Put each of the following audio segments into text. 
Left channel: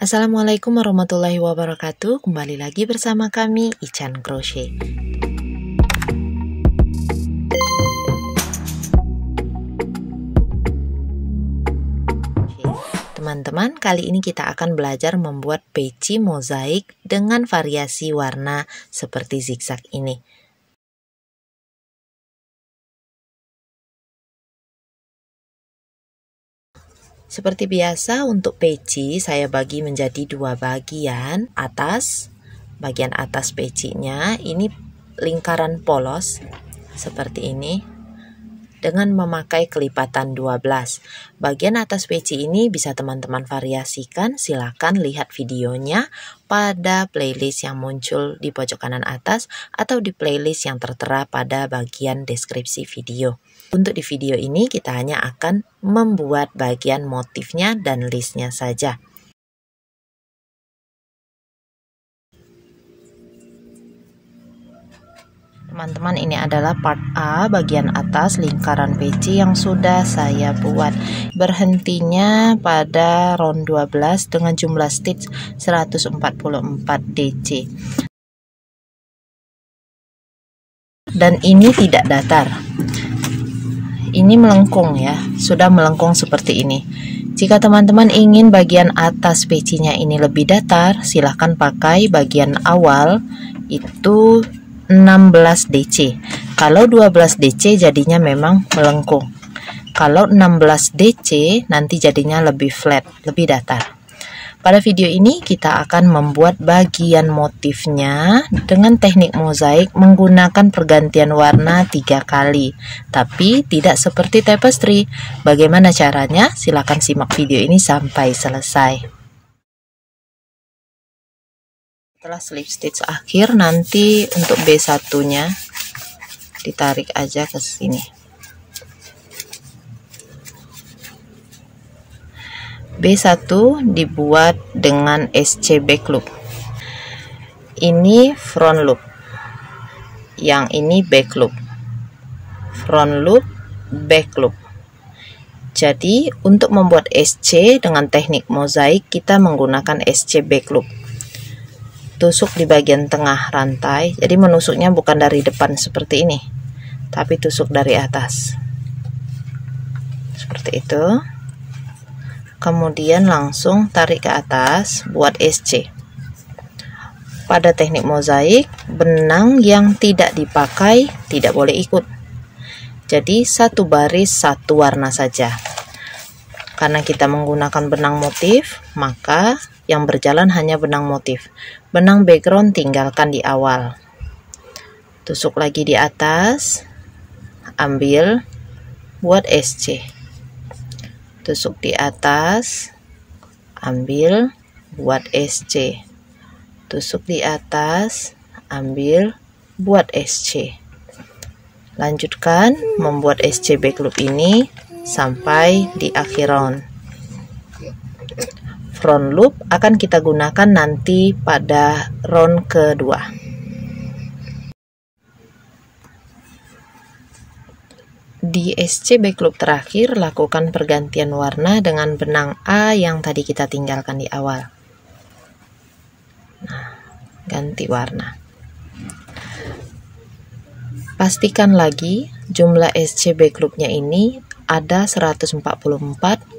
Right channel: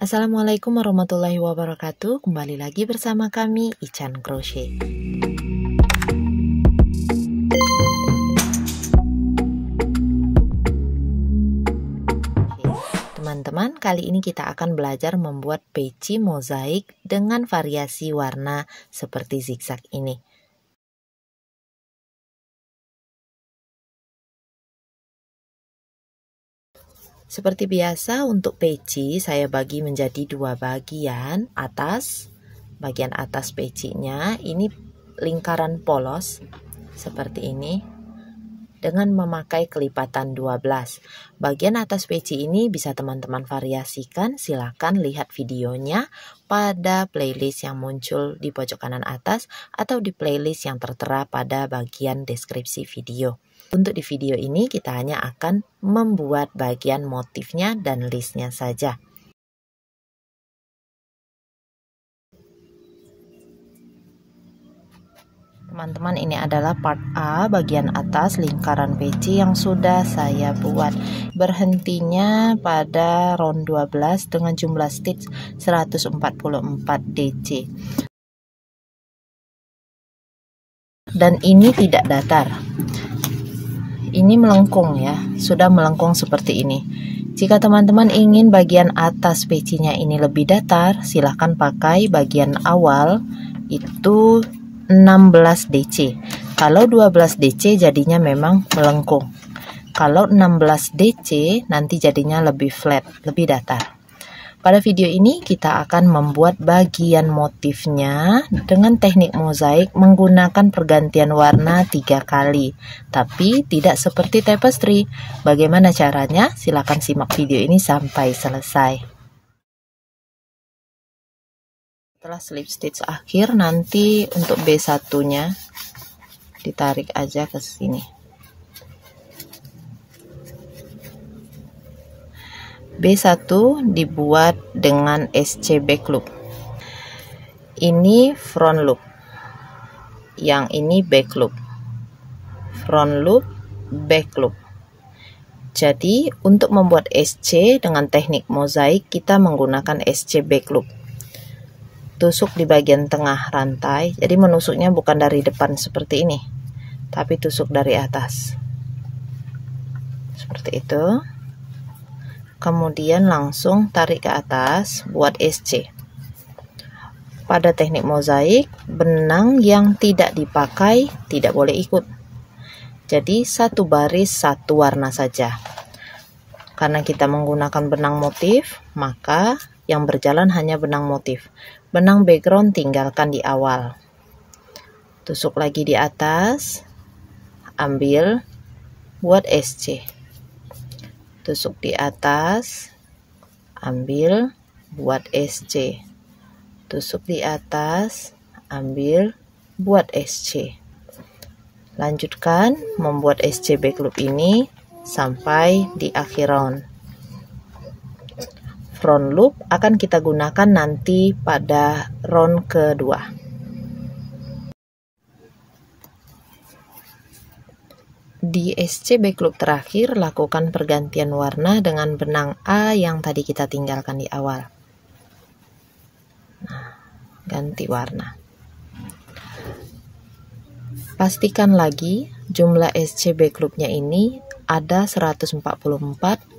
Assalamualaikum warahmatullahi wabarakatuh. Kembali lagi bersama kami Ican Crochet. Teman-teman, kali ini kita akan belajar membuat peci mozaik dengan variasi warna seperti zigzag ini. Seperti biasa, untuk peci saya bagi menjadi dua bagian. Bagian atas pecinya ini lingkaran polos seperti ini dengan memakai kelipatan 12. Bagian atas peci ini bisa teman-teman variasikan. Silakan lihat videonya pada playlist yang muncul di pojok kanan atas atau di playlist yang tertera pada bagian deskripsi video. Untuk di video ini kita hanya akan membuat bagian motifnya dan listnya saja. Teman-teman, ini adalah part A, bagian atas lingkaran peci yang sudah saya buat. Berhentinya pada round 12 dengan jumlah stitch 144 DC. Dan ini tidak datar. Ini melengkung ya, sudah melengkung seperti ini. Jika teman-teman ingin bagian atas pecinya ini lebih datar, silahkan pakai bagian awal itu 16 DC. Kalau 12 DC jadinya memang melengkung. Kalau 16 DC nanti jadinya lebih flat, lebih datar. Pada video ini kita akan membuat bagian motifnya dengan teknik mozaik menggunakan pergantian warna 3 kali. Tapi tidak seperti tapestry. Bagaimana caranya? Silakan simak video ini sampai selesai. Setelah slip stitch akhir, nanti untuk B1-nya ditarik aja ke sini. B1 dibuat dengan SC back loop. Ini front loop. Yang ini back loop. Front loop, back loop. Jadi, untuk membuat SC dengan teknik mozaik kita menggunakan SC back loop. Tusuk di bagian tengah rantai. Jadi menusuknya bukan dari depan seperti ini, tapi tusuk dari atas. Seperti itu. Kemudian langsung tarik ke atas, buat SC. Pada teknik mozaik, benang yang tidak dipakai tidak boleh ikut. Jadi satu baris satu warna saja. Karena kita menggunakan benang motif, maka yang berjalan hanya benang motif. Benang background tinggalkan di awal. Tusuk lagi di atas, ambil, buat SC. Tusuk di atas, ambil, buat SC. Tusuk di atas, ambil, buat SC. Lanjutkan membuat SC back loop ini sampai di akhir round. Front loop akan kita gunakan nanti pada round kedua. Di SC back loop terakhir, lakukan pergantian warna dengan benang A yang tadi kita tinggalkan di awal. Nah, ganti warna. Pastikan lagi jumlah SC back loopnya ini ada 144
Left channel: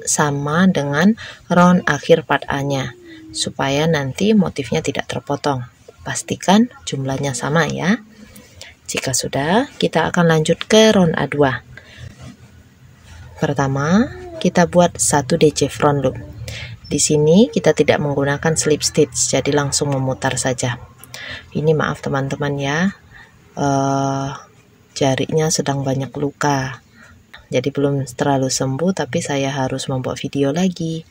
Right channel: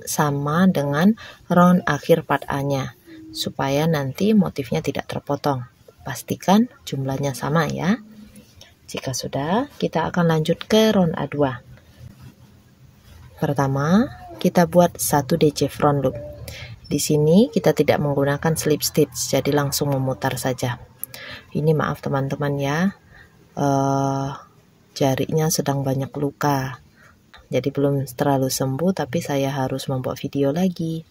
sama dengan round akhir part A-nya, supaya nanti motifnya tidak terpotong. Pastikan jumlahnya sama ya. Jika sudah, kita akan lanjut ke round A2. Pertama, kita buat 1 DC front loop. Di sini kita tidak menggunakan slip stitch, jadi langsung memutar saja. Ini maaf teman-teman ya, jarinya sedang banyak luka. Jadi belum terlalu sembuh, tapi saya harus membuat video lagi.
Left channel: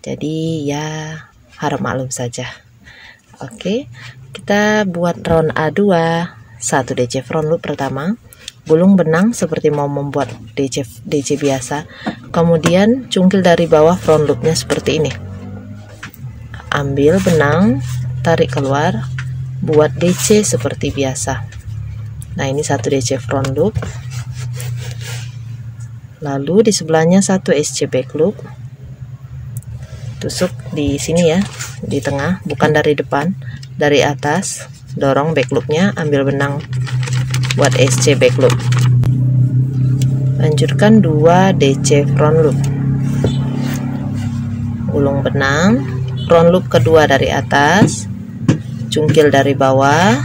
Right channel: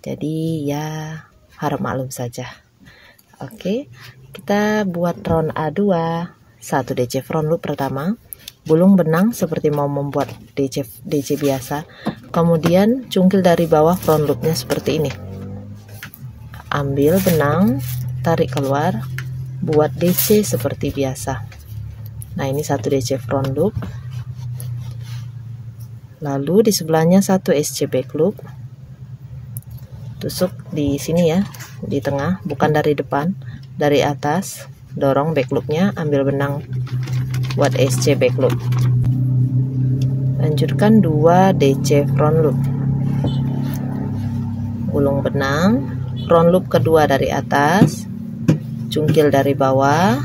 Jadi ya harap maklum saja. Oke, kita buat round A2, 1 DC front loop pertama. Gulung benang seperti mau membuat DC biasa. Kemudian cungkil dari bawah front loopnya seperti ini. Ambil benang, tarik keluar, buat DC seperti biasa. Nah, ini 1 DC front loop. Lalu di sebelahnya 1 SC back loop. tusuk di sini ya, di tengah, bukan dari depan, dari atas. Dorong back loopnya, ambil benang buat SC back loop. Lanjutkan 2 DC front loop, gulung benang, front loop kedua dari atas, cungkil dari bawah,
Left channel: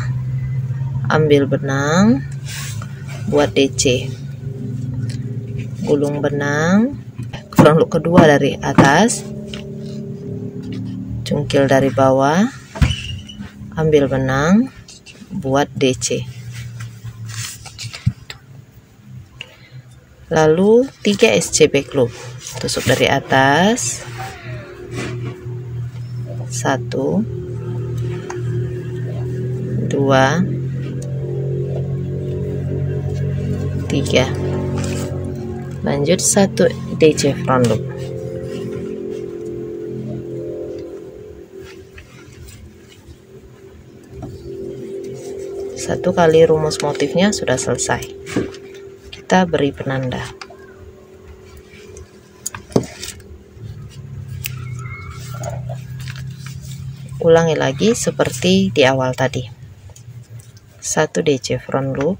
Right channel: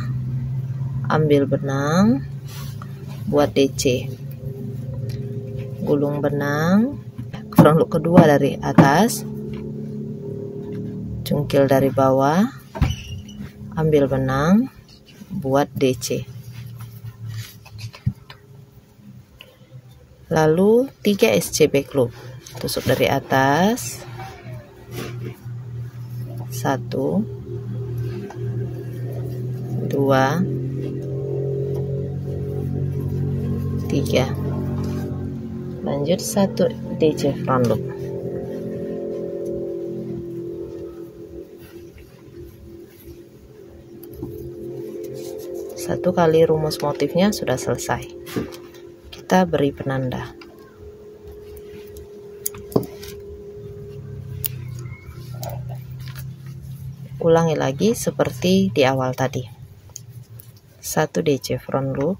ambil benang buat DC, gulung benang, front loop kedua dari atas, cungkil dari bawah, ambil benang buat DC. Lalu 3 SC back loop, tusuk dari atas, 1 2 3, lanjut 1 DC front loop. Satu kali rumus motifnya sudah selesai. Kita beri penanda. Ulangi lagi seperti di awal tadi. 1 DC front loop,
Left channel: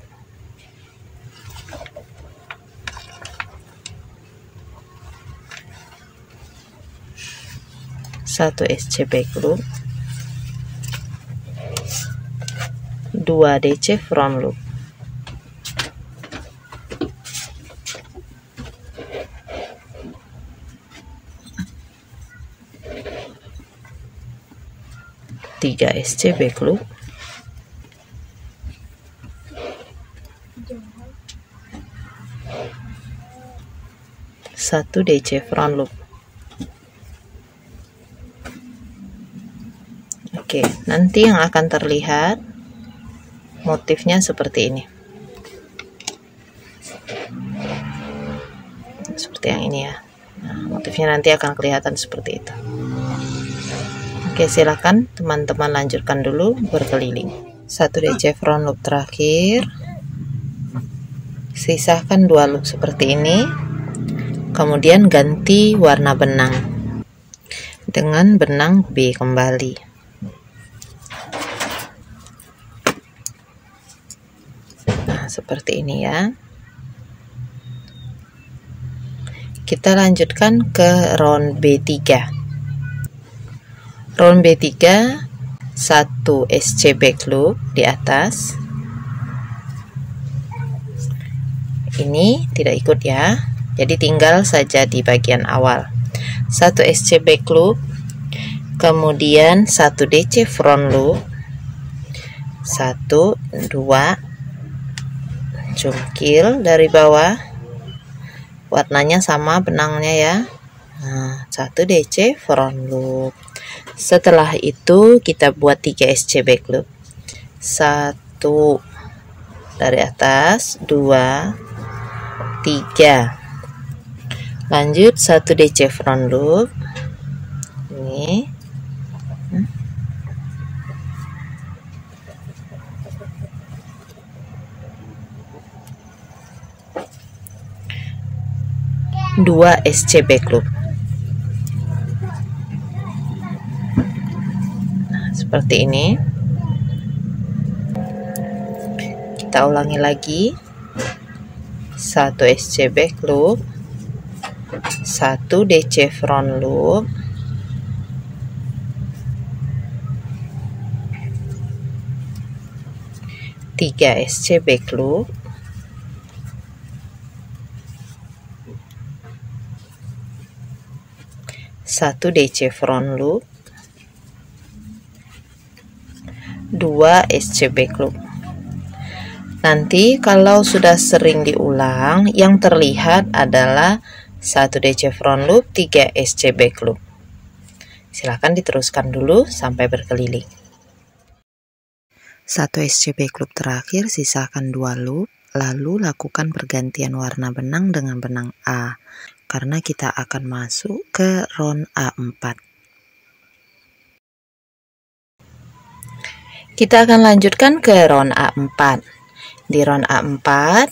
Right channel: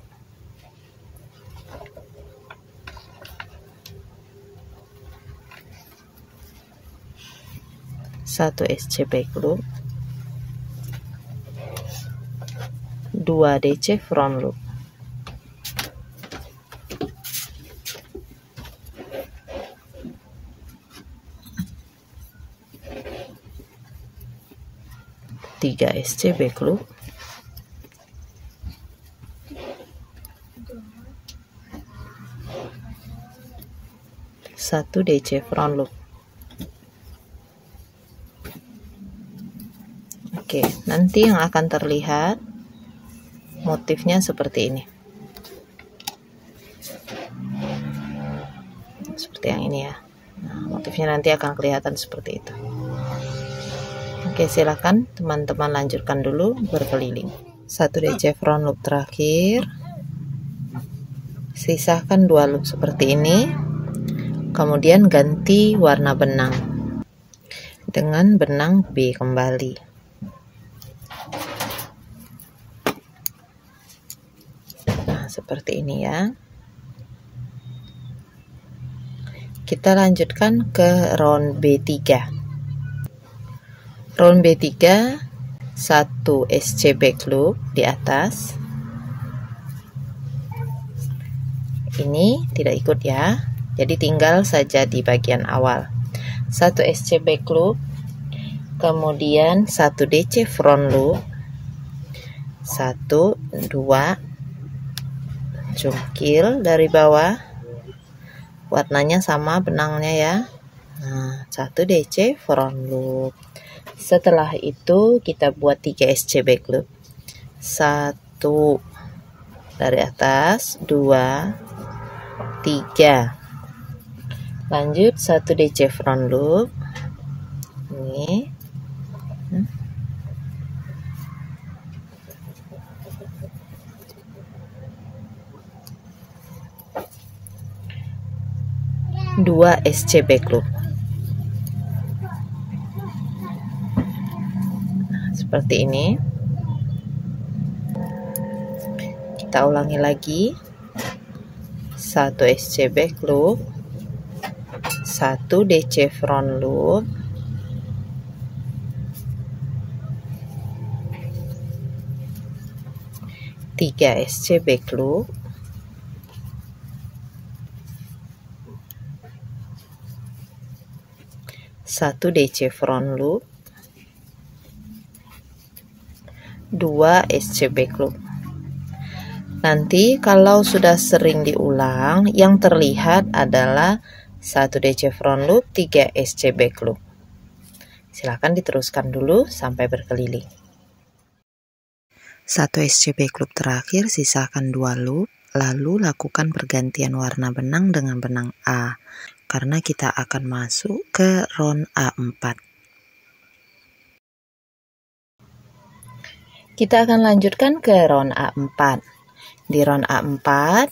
1 SC back loop, 2 DC front loop, 3 SC back loop, 1 DC front loop. Oke, nanti yang akan terlihat motifnya seperti ini, seperti yang ini ya. Nah, motifnya nanti akan kelihatan seperti itu. Oke, silakan teman-teman lanjutkan dulu berkeliling. 1 DC front loop terakhir, sisakan 2 loop seperti ini, kemudian ganti warna benang dengan benang B kembali. Nah, seperti ini ya. Kita lanjutkan ke round B3. Round B3, 1 SC back loop di atas. Ini tidak ikut ya, jadi tinggal saja di bagian awal. 1 SC back loop, kemudian 1 DC front loop, 1 2 cungkil dari bawah, warnanya sama benangnya ya. Nah, 1 DC front loop. Setelah itu kita buat 3 SC back loop, 1 dari atas, 2 3, lanjut 1 DC front loop ini, dua SC back loop. Seperti ini. Kita ulangi lagi. 1 SC back loop, 1 DC front loop, 3 SC back loop, satu DC front loop, 2 SC back loop. Nanti kalau sudah sering diulang, yang terlihat adalah 1 DC front loop, 3 SC back loop. Silahkan diteruskan dulu sampai berkeliling. 1 SC back loop terakhir, sisakan 2 loop, lalu lakukan pergantian warna benang dengan benang A, karena kita akan masuk ke round A4. Kita akan lanjutkan ke round A4. Di round A4,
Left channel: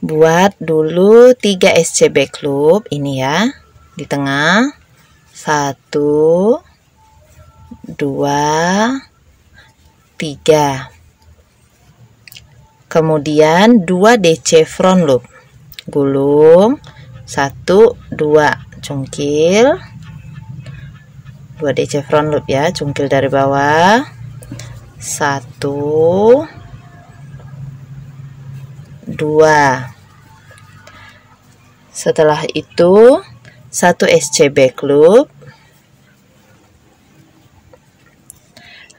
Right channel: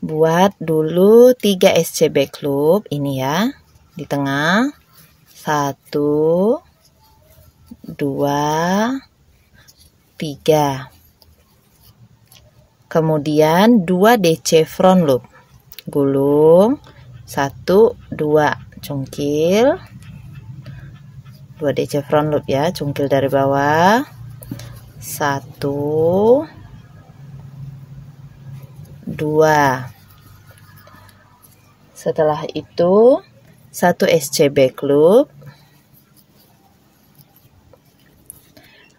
buat dulu 3 SC back loop, ini ya, di tengah, 1, 2, 3. Kemudian 2 DC front loop. Gulung 1, 2, cungkil. 2 DC front loop ya, cungkil dari bawah. 1, 2. Setelah itu 1 SC back loop.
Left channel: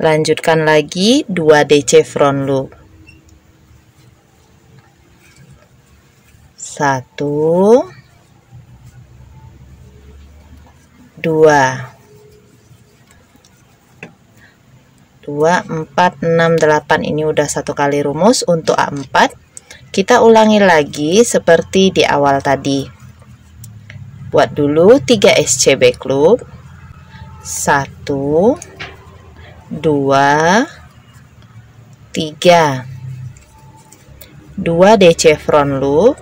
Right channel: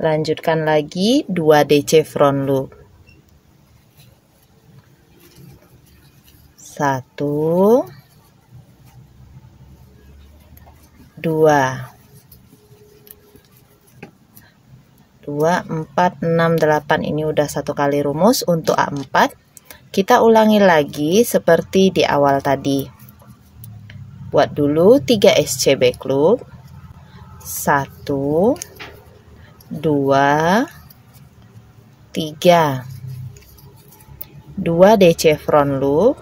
Lanjutkan lagi 2 DC front loop. 1, 2, 4, 6, 8. Ini udah 1 kali rumus untuk A4. Kita ulangi lagi seperti di awal tadi. Buat dulu 3 SC back loop. 1, 2, 3. 2 DC front loop.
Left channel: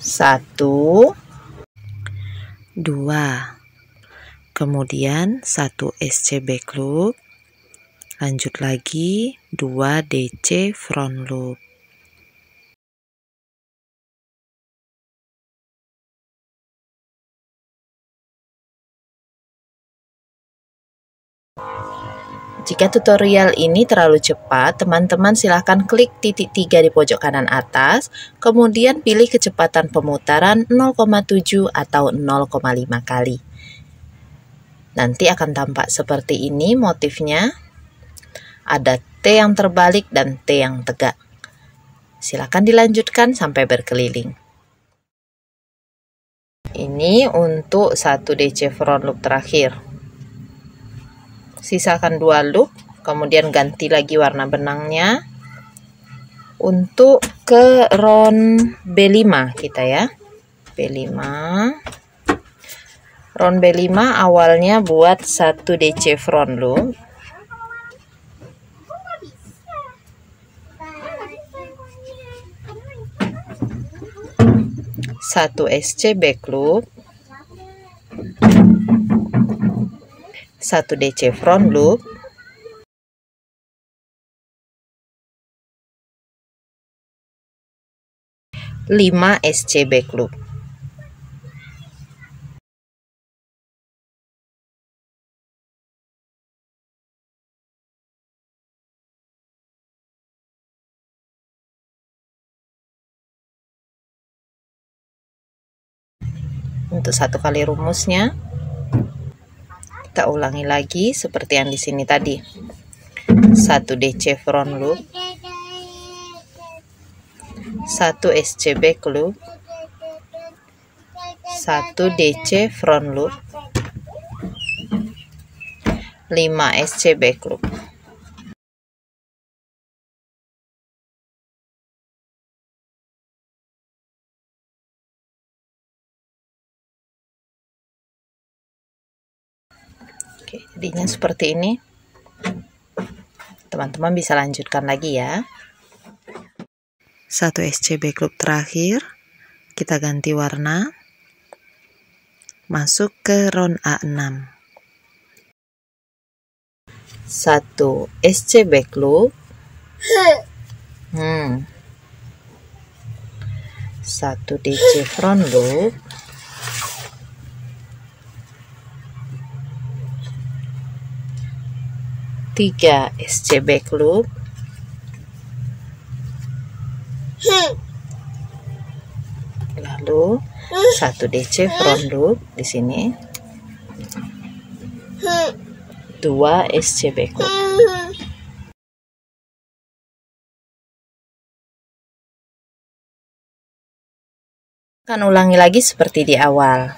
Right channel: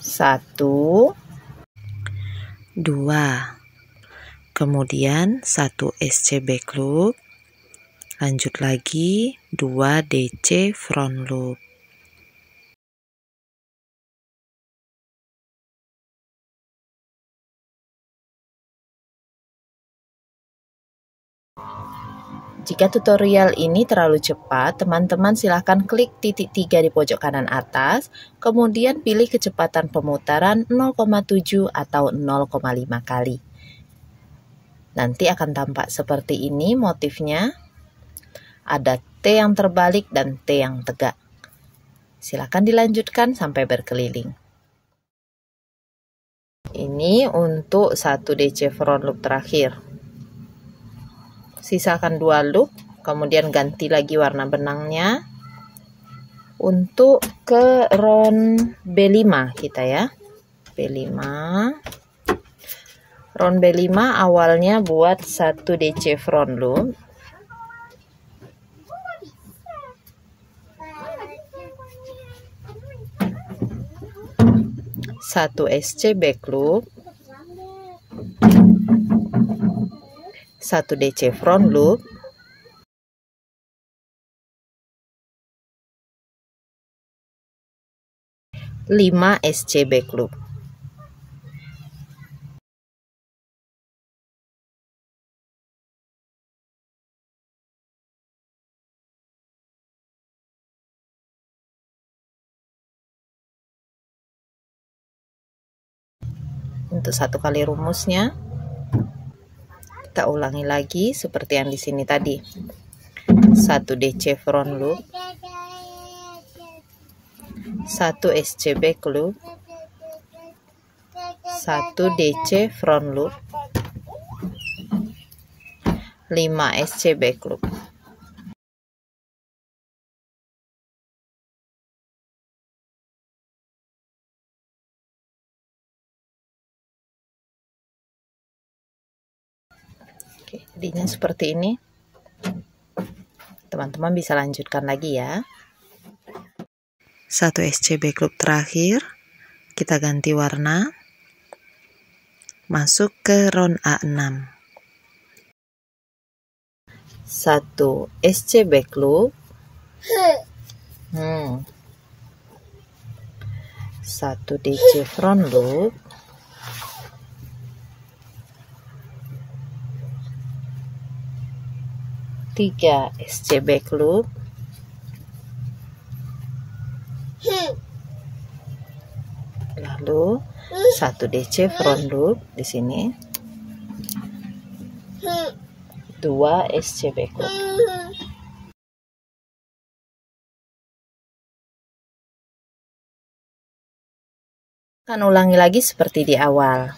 1, 2. Kemudian 1 SC back loop. Lanjut lagi 2 DC front loop. Jika tutorial ini terlalu cepat, teman-teman silahkan klik titik 3 di pojok kanan atas, kemudian pilih kecepatan pemutaran 0,7 atau 0,5 kali. Nanti akan tampak seperti ini motifnya. Ada T yang terbalik dan T yang tegak. Silakan dilanjutkan sampai berkeliling. Ini untuk 1 DC front loop terakhir. Sisakan 2 loop, kemudian ganti lagi warna benangnya. Untuk ke round B5 kita ya. B5. Round B5 awalnya buat 1 DC front loop. 1 SC back loop, 1 DC front loop, 5 SC back loop. Untuk 1 kali rumusnya kita ulangi lagi seperti yang di sini tadi. 1 DC front loop, 1 SC back loop, 1 DC front loop, 5 SC back loop. Oke, jadinya seperti ini. Teman-teman bisa lanjutkan lagi ya. 1 SC back loop terakhir, kita ganti warna, masuk ke round A6. 1 SC back loop, 1 DC front loop, 3 SC back loop, lalu 1 DC front loop di sini, 2 SC back loop. Akan ulangi lagi seperti di awal,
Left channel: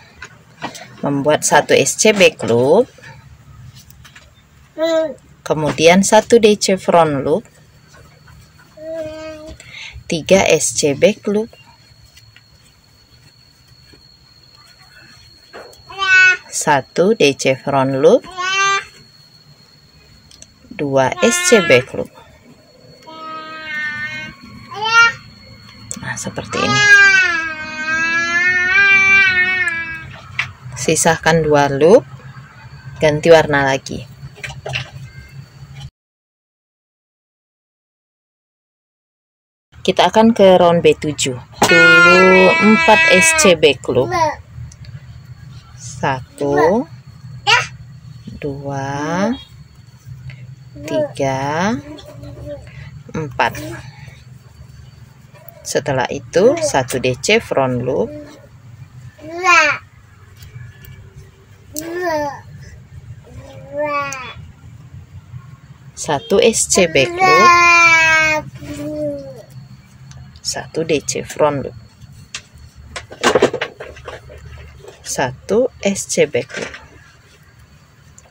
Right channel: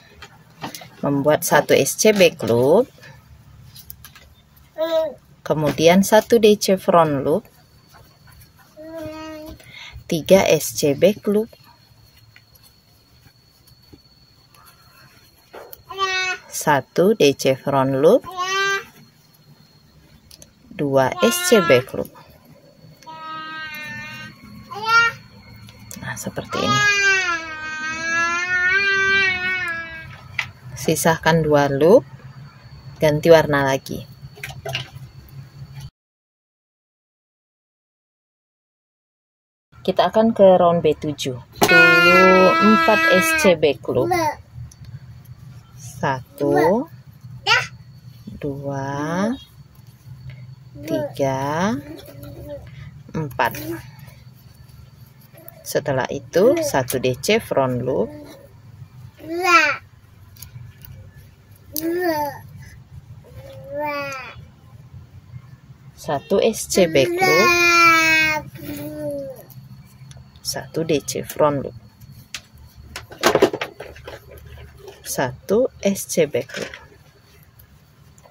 membuat 1 SC back loop, kemudian 1 DC front loop, 3 SC back loop, 1 DC front loop, 2 SC back loop. Nah, seperti ini. Sisahkan 2 loop, ganti warna lagi. Kita akan ke round B7. Dulu 4 SC back loop. 1 2 3 4. Setelah itu 1 DC front loop, 1 SC back loop, 1 DC front loop, 1 SC back loop.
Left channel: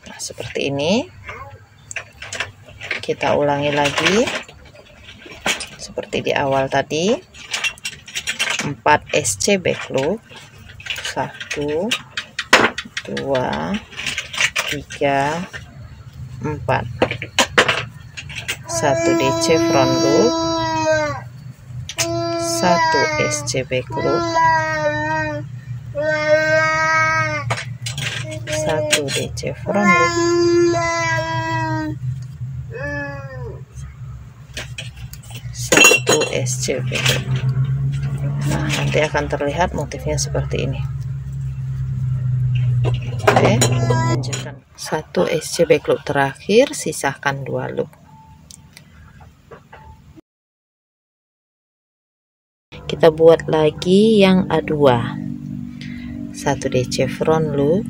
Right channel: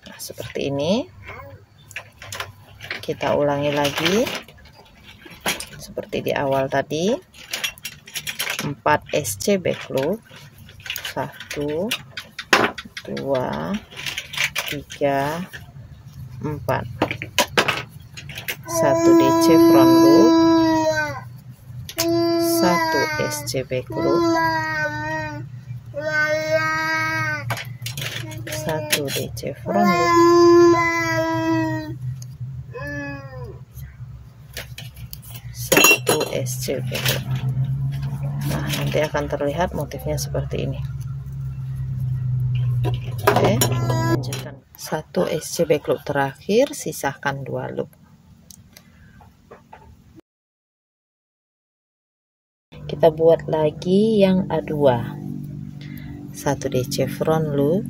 Nah, seperti ini. Kita ulangi lagi seperti di awal tadi. 4 SC back loop, 1 2 3 4, 1 DC front loop, 1 SC back loop, 1 DC front loop, 1 SC back loop. Nah, nanti akan terlihat motifnya seperti ini. Oke, lanjutkan. 1 SC back loop terakhir, sisahkan 2 loop. Kita buat lagi yang A2. 1 DC front loop,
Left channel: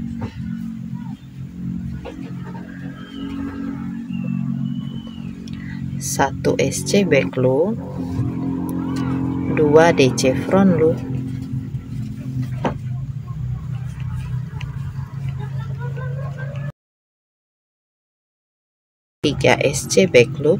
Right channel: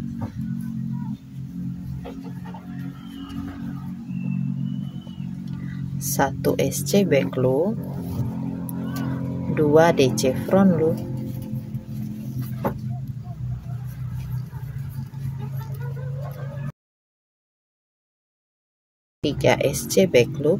1 SC back loop, 2 DC front loop, 3 SC back loop,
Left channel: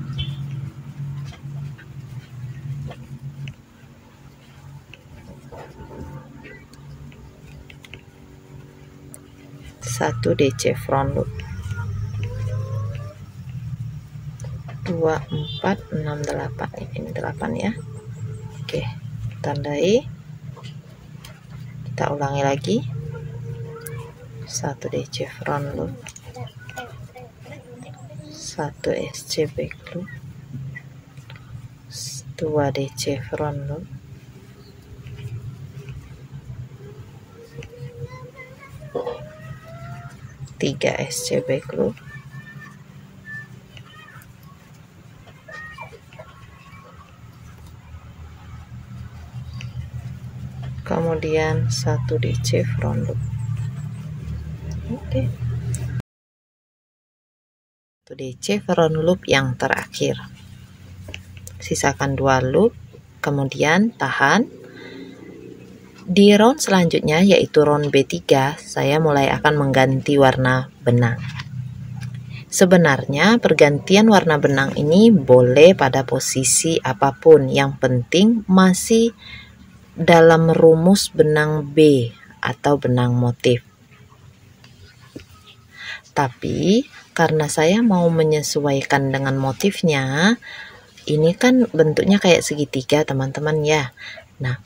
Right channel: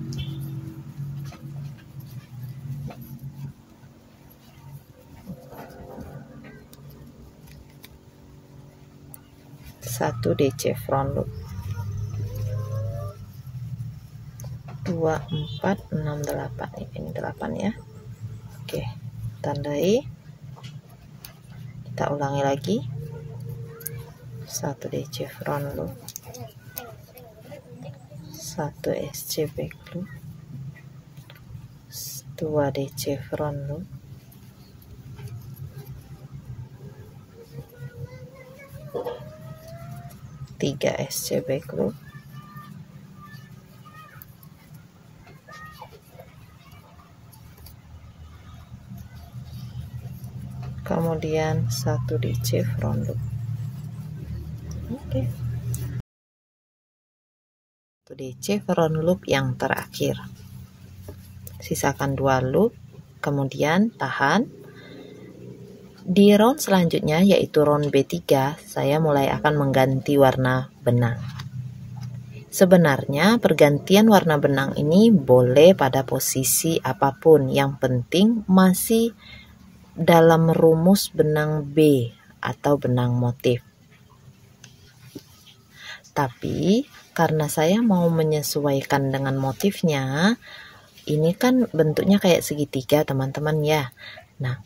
1 DC front loop, 2 4 6 8. Ini 8 ya. Oke, tandai. Kita ulangi lagi. 1 DC front loop, 1 SC back loop, 2 DC front loop, 3 SC back loop, kemudian 1 DC front loop. Oke. 1 DC front loop yang terakhir. Sisakan 2 loop, kemudian tahan. Di round selanjutnya yaitu round B3, saya mulai akan mengganti warna benang. Sebenarnya pergantian warna benang ini boleh pada posisi apapun, yang penting masih dalam rumus benang B atau benang motif. Tapi karena saya mau menyesuaikan dengan motifnya, ini kan bentuknya kayak segitiga teman-teman ya. Nah,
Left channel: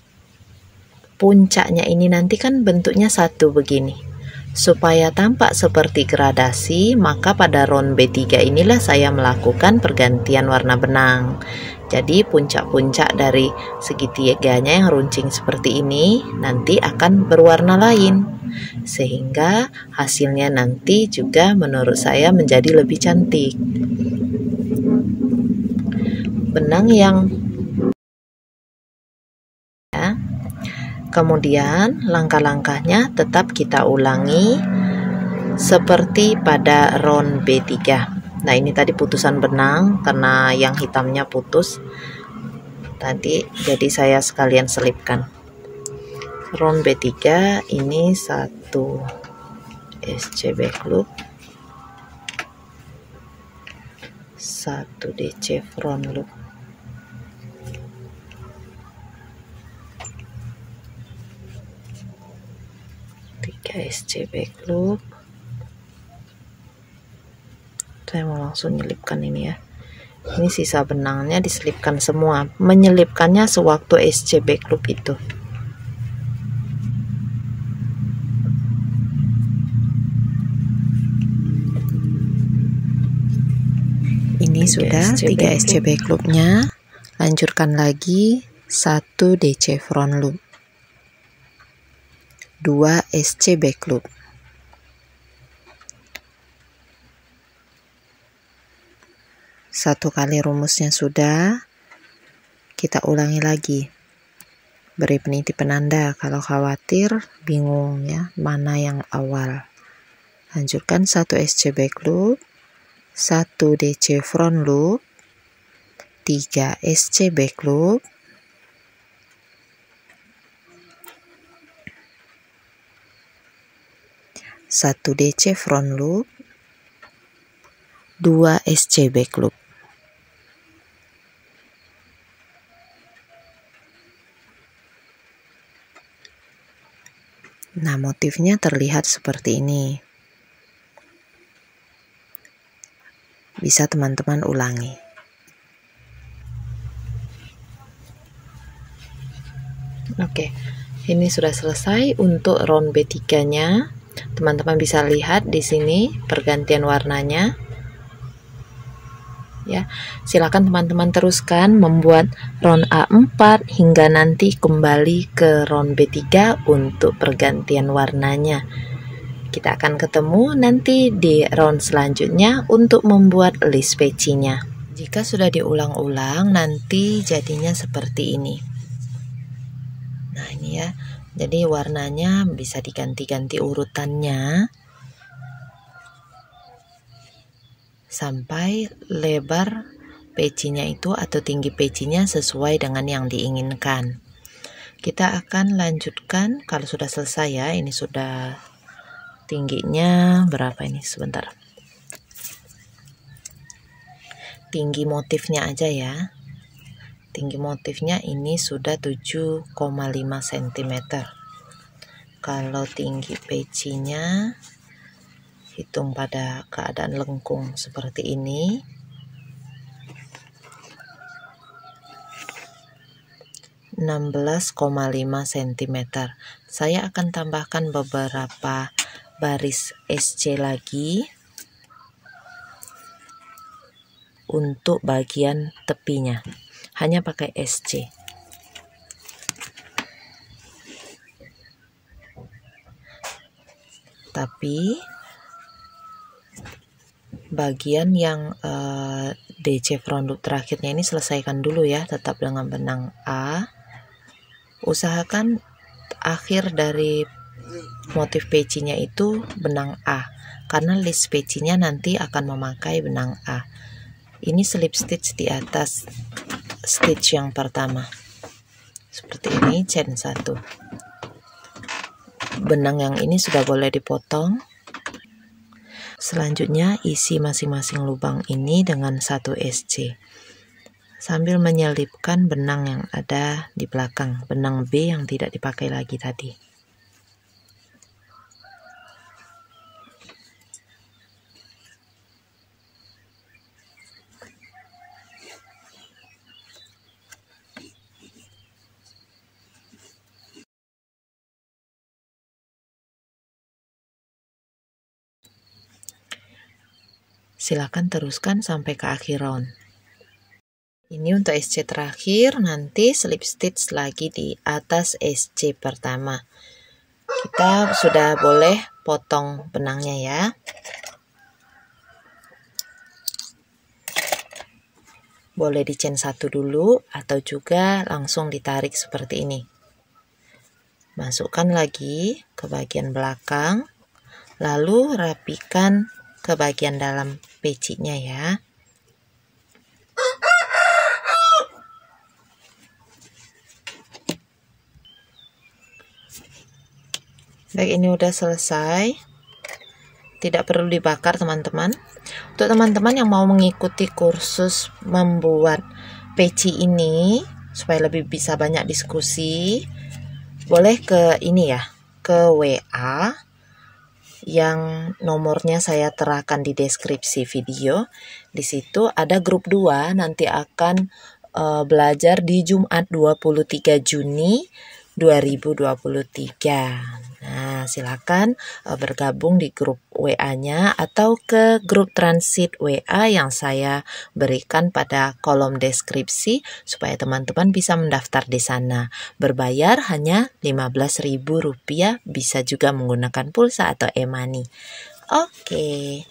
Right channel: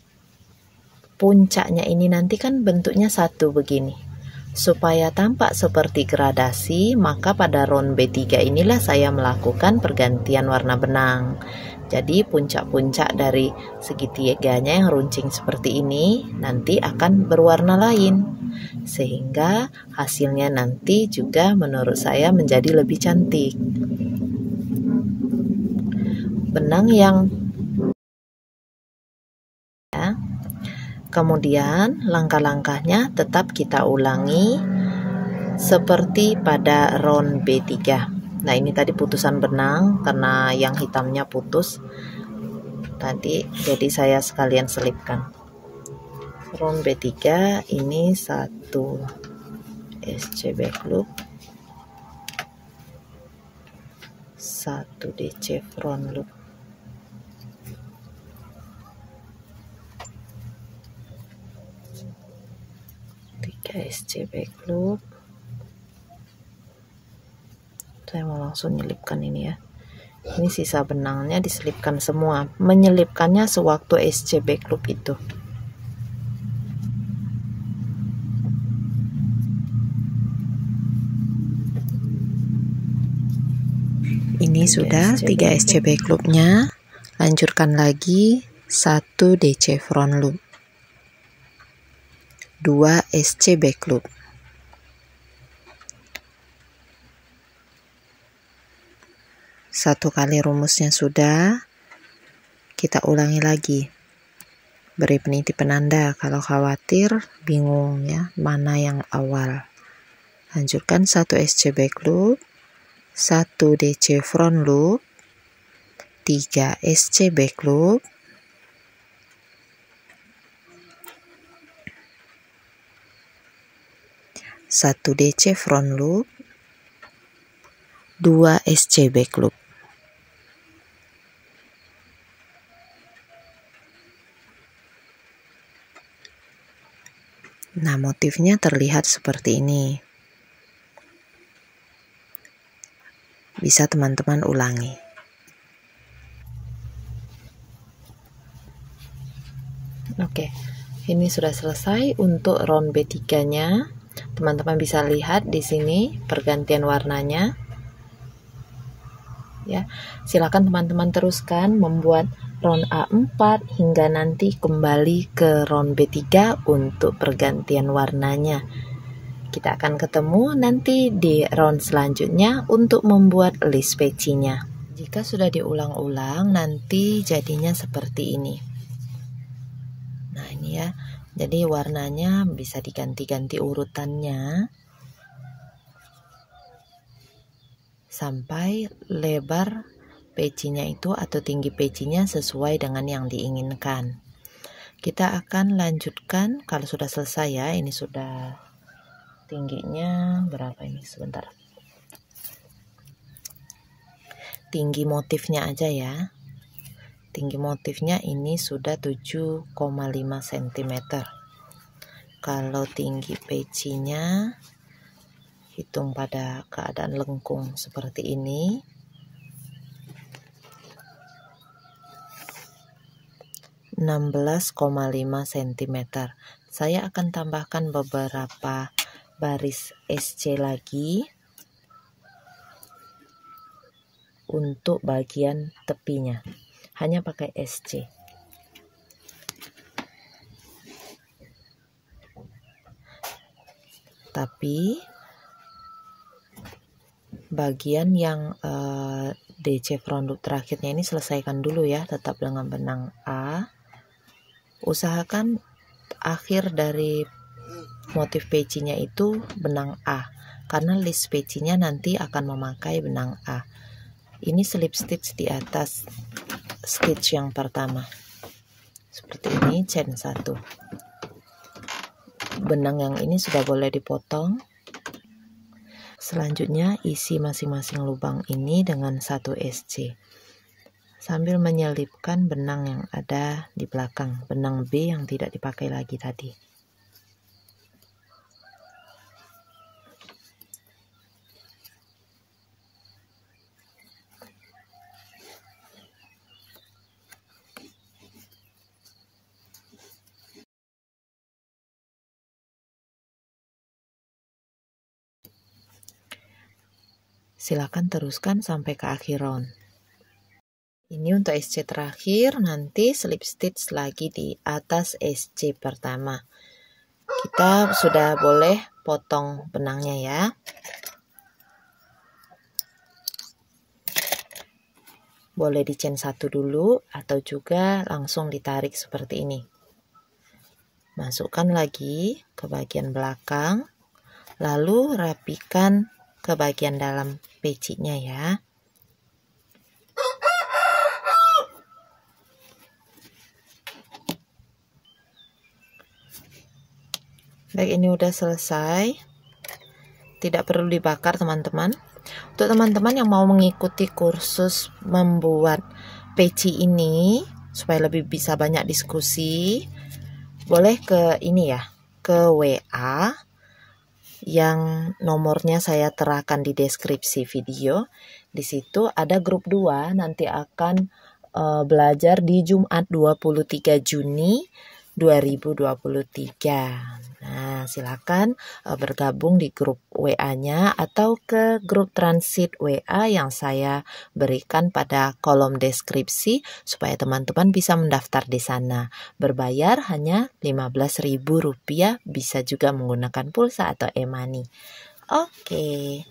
puncaknya ini nanti kan bentuknya satu begini. Supaya tampak seperti gradasi, maka pada round B3 inilah saya melakukan pergantian warna benang. Jadi puncak-puncak dari segitiganya yang runcing seperti ini nanti akan berwarna lain, sehingga hasilnya nanti juga menurut saya menjadi lebih cantik. Benang yang ya. Kemudian langkah-langkahnya tetap kita ulangi seperti pada round B3. Nah, ini tadi putusan benang karena yang hitamnya putus tadi, jadi saya sekalian selipkan. Round B3 ini 1 SC back loop, 1 DC front loop, 3 SC back loop. Saya mau langsung nyelipkan ini ya. Ini sisa benangnya diselipkan semua. Menyelipkannya sewaktu SC back loop itu. Ini sudah 3 SC back loopnya. Lanjutkan lagi 1 DC front loop, 2 SC back loop, 1 kali rumusnya sudah, kita ulangi lagi. Beri peniti penanda kalau khawatir bingung ya mana yang awal. Lanjutkan 1 SC back loop, 1 DC front loop, 3 SC back loop, 1 DC front loop, 2 SC back loop. Nah, motifnya terlihat seperti ini. Bisa teman-teman ulangi. Oke, ini sudah selesai untuk round B3-nya. Teman-teman bisa lihat di sini pergantian warnanya. Ya, silakan teman-teman teruskan membuat round A4 hingga nanti kembali ke round B3 untuk pergantian warnanya. Kita akan ketemu nanti di round selanjutnya untuk membuat list pecinya. Jika sudah diulang-ulang, nanti jadinya seperti ini. Nah, ini ya. Jadi warnanya bisa diganti-ganti urutannya sampai lebar pecinya itu atau tinggi pecinya sesuai dengan yang diinginkan. Kita akan lanjutkan kalau sudah selesai ya. Ini sudah tingginya berapa ini, sebentar. Tinggi motifnya aja ya. Tinggi motifnya ini sudah 7,5 cm. Kalau tinggi pecinya hitung pada keadaan lengkung seperti ini. (16,5 cm). Saya akan tambahkan beberapa baris SC lagi untuk bagian tepinya. Hanya pakai SC. Tapi bagian yang DC front loop terakhirnya ini selesaikan dulu ya, tetap dengan benang A. Usahakan akhir dari motif pecinya itu benang A, karena list pecinya nanti akan memakai benang A. Ini slip stitch di atas stitch yang pertama seperti ini, chain 1. Benang yang ini sudah boleh dipotong. Selanjutnya isi masing-masing lubang ini dengan 1 SC sambil menyelipkan benang yang ada di belakang, benang B yang tidak dipakai lagi tadi. Silakan teruskan sampai ke akhir round. Ini untuk SC terakhir, nanti slip stitch lagi di atas SC pertama. Kita sudah boleh potong benangnya ya. Boleh di chain 1 dulu atau juga langsung ditarik seperti ini. Masukkan lagi ke bagian belakang, lalu rapikan ke bagian dalam pecinya ya. Baik, ini udah selesai. Tidak perlu dibakar teman-teman. Untuk teman-teman yang mau mengikuti kursus membuat peci ini supaya lebih bisa banyak diskusi, boleh ke ini ya, ke WA yang nomornya saya terakan di deskripsi video. Di situ ada grup 2, nanti akan belajar di Jumat 23 Juni 2023. Nah, silakan bergabung di grup WA-nya atau ke grup transit WA yang saya berikan pada kolom deskripsi supaya teman-teman bisa mendaftar di sana. Berbayar hanya Rp15.000, bisa juga menggunakan pulsa atau e-money. Oke,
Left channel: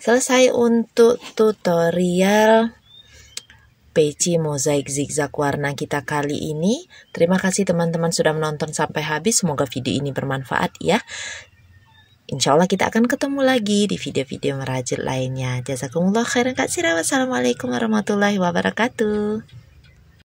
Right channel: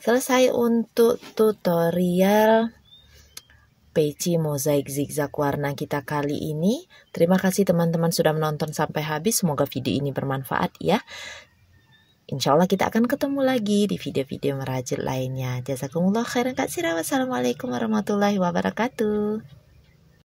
selesai untuk tutorial peci mozaik zigzag warna kita kali ini. Terima kasih teman-teman sudah menonton sampai habis. Semoga video ini bermanfaat ya. Insya Allah kita akan ketemu lagi di video-video merajut lainnya. Jazakumullah khairan katsiran. Wassalamualaikum warahmatullahi wabarakatuh.